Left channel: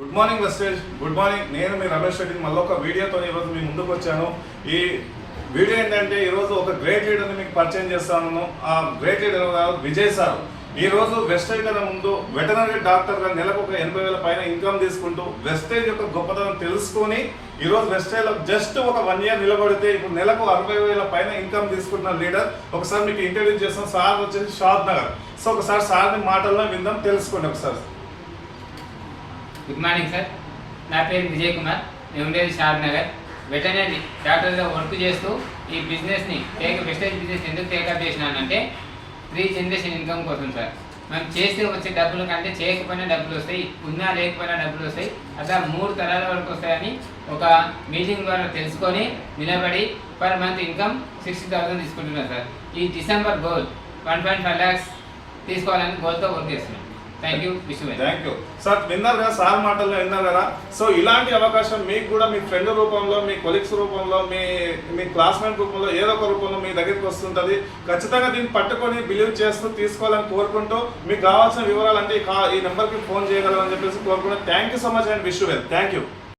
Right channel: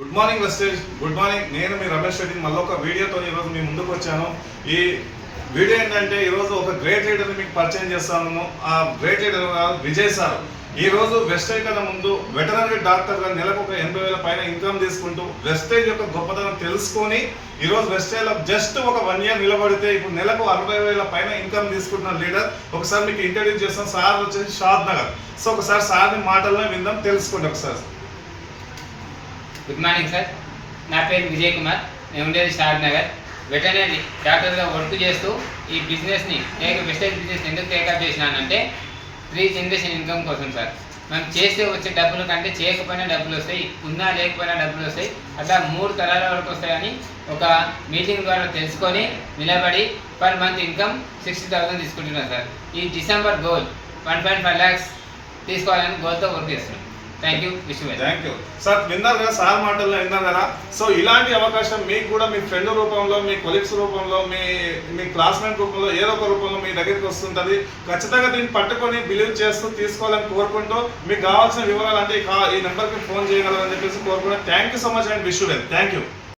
Good morning వెస్టేజ్. Good morning. నేను మీ రమేష్ రెడ్డి మళ్ళీ ఒక వీడియోతో ఈరోజు మీ ముందుకు వచ్చాను. ఈ వీడియో ఏంటంటే ఈరోజు ఒక గ్రేట్ లీడర్ని మీకు పరిచయం చేస్తాను. ఆ గ్రేట్ లీడర్ విజయ్ సార్. ఈరోజు వెస్టేజ్ కన్నా ముందు వెటనరీ డాక్టర్గా నెలకు ఒక 80,000 పైన ఇన్కమ్ తీసుకుంటూ వెస్టేజ్ యొక్క గొప్పతనం తెలుసుకొని ఈరోజు వెస్టేజ్లో జస్ట్ ఒక 1 year నిలబడితే ఇప్పుడు నెలకు 60,000 పైన ఇన్కమ్ తీసుకుంటున్న లీడర్. ఒకసారి మీకు ఇంట్రడ్యూస్ చేస్తాం. సార్ వచ్చేసి షాద్ నగర్. సో ఒకసారి సార్ని మాటల్లో విందాం, తెలుసుకోండి ఒకసారి. Good morning sir. నా పేరు విజయ్ కుమార్. నేను ఉండేది షాద్ నగర్. వెటనరీ డాక్టర్గా వర్క్ చేస్తూ ఈ బిజినెస్ని వెస్టేజ్ బిజినెస్ ఎందుకు టేకప్ చేసినానంటే 3 జనరేషన్ ఇన్కమ్ కోసం సార్. మనం చేస్తే వచ్చే డబ్బుల కంటే చేయకపోయినా డబ్బులు వస్తాయి, ఉన్నా లేకపోయినా డబ్బులు వస్తాయి, అట్లా 3 తరాల వరకు వస్తాయని ఒక మీటింగ్ ద్వారా తెలుసుకొని నిలబడి పర్ మంత్ ఇన్కమ్ 60,000 తీసుకుంటున్నాను సార్. ఈ డిసెంబర్ గోల్ 1.5 lakhs తీసుకోవాలని గోల్తో వర్క్ చేస్తున్నాం. Thank you. Thank you sir. విన్నారు కదా సార్ మాటల్లో, విన్నారు కదా. సో ఇలాంటి అవకాశం మీకు కూడా మీ ఫ్రెండ్ రూపంలో, మీ కొలీగ్స్ రూపంలో, మీ క్లాస్మేట్ రూపంలో ఏదో ఒక రూపంలో మీ దగ్గరికి వస్తుంటుంది. ఖచ్చితంగా దీన్ని పట్టుకొని బిలీవ్ చేస్తూ తీసుకోవాలని కోరుకుంటూ మీకు కావాల్సిన వివరాలు అంటే ఈ నెంబర్కి ఫోన్ చేయగలరని చెప్పేసి కోరుకుంటూ thank you so much and wish you well. Thank you.